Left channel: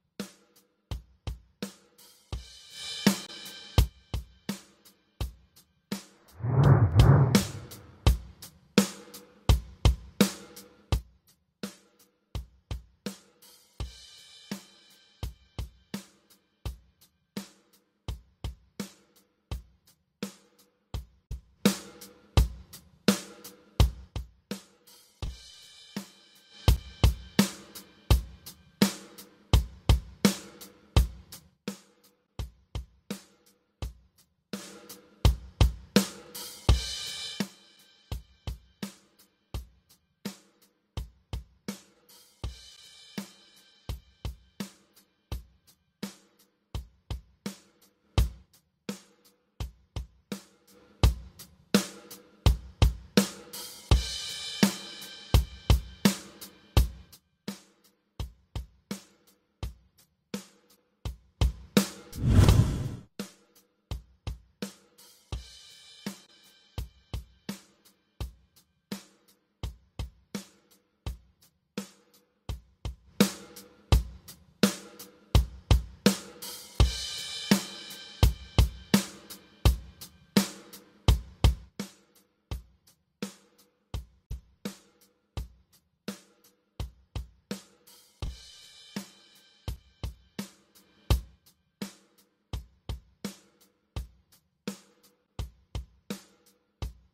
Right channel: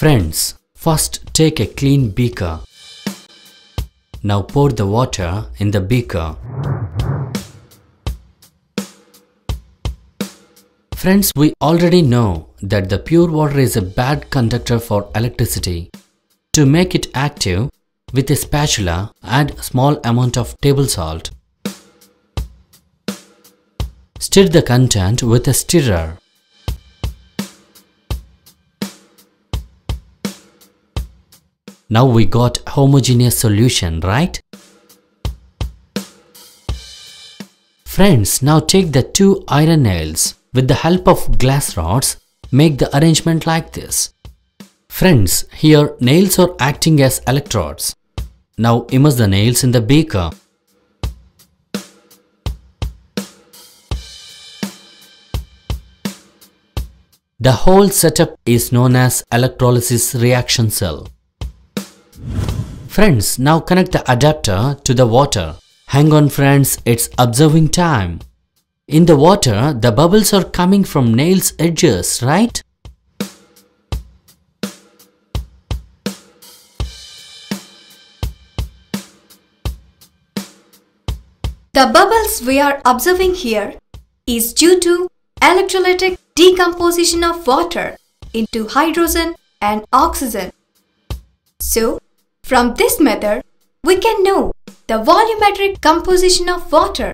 Friends, first take a clean beaker. Now pour the water in the beaker. Friends, we already know that the pure water is a bad conductor for electricity. To make it active, with a spatula, add a small amount of table salt. Stir the content with a stirrer. Now we got homogeneous solution, right? Friends, now take the two iron nails. With the help of glass rods, make the arrangement like this. Friends, here nails are acting as electrodes. Now immerse the nails in the beaker. The whole setup is known as electrolysis reaction cell. Friends, now connect the adapter to the water. Hang on friends, it's observing time. In the water, the bubbles are coming from nails' edges, right? The bubbles we are observing here is due to electrolytic decomposition of water into hydrogen and oxygen. So, from this method, we can know the volumetric composition of water.